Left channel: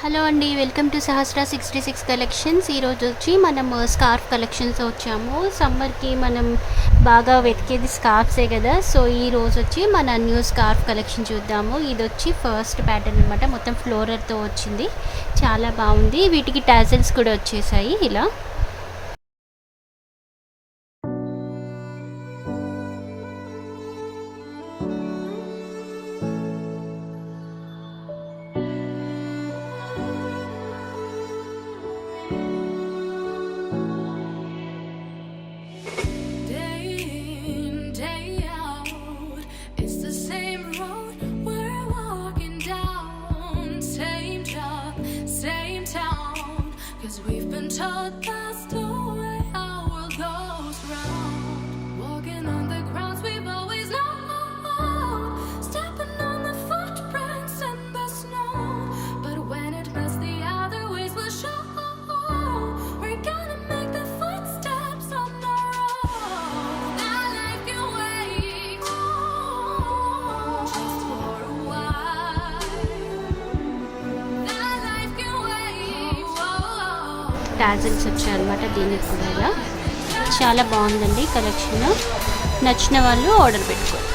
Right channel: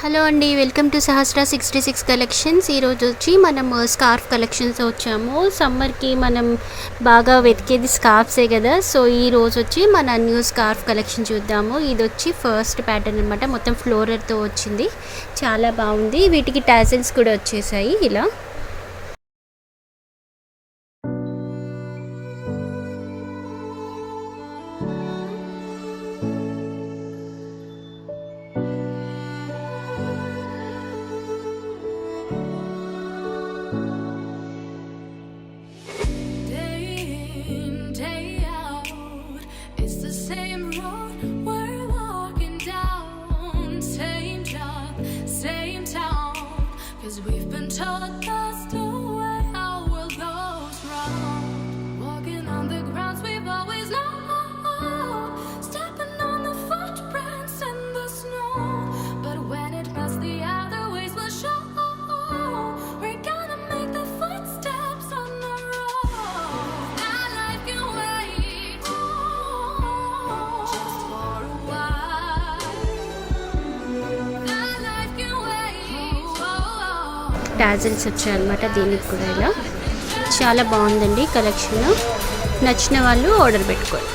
హలో అండి, welcome to సహస్ర 66 కలెక్షన్స్. ఈరోజు వచ్చి మనం స్కార్ఫ్ కలెక్షన్స్ వచ్చాము. సమ్మర్కి మనం బాగా వెతికేది స్కార్ఫ్సే కదా. సో ఈరోజు వచ్చి మన న్యూ స్కార్ఫ్ కలెక్షన్ చూద్దాము. ఇది వచ్చి ఫస్ట్ ప్యాటర్న్ అనమాట. మొత్తం ఫ్లోరర్తో వచ్చింది, చాలా బాగుంది. వీటికి టాజల్స్ కూడా వచ్చేసాయి ఇలా. Day out, it's the same road we're walking down, same job, same town, 'cause we've been told that's the way our world goes round. Walking on the grounds we've always known, stepping on the footprints in the snow, but when it melts the other ways will show. We're gonna make the footsteps on our own. That life can wait just for a while. That life can wait. Tassels వచ్చాయన్నమాట. దీనికి కూడా ఇలా చాలా బాగుందండి కలెక్షన్. నచ్చిన వాళ్ళు ఆర్డర్ పెట్టుకోండి.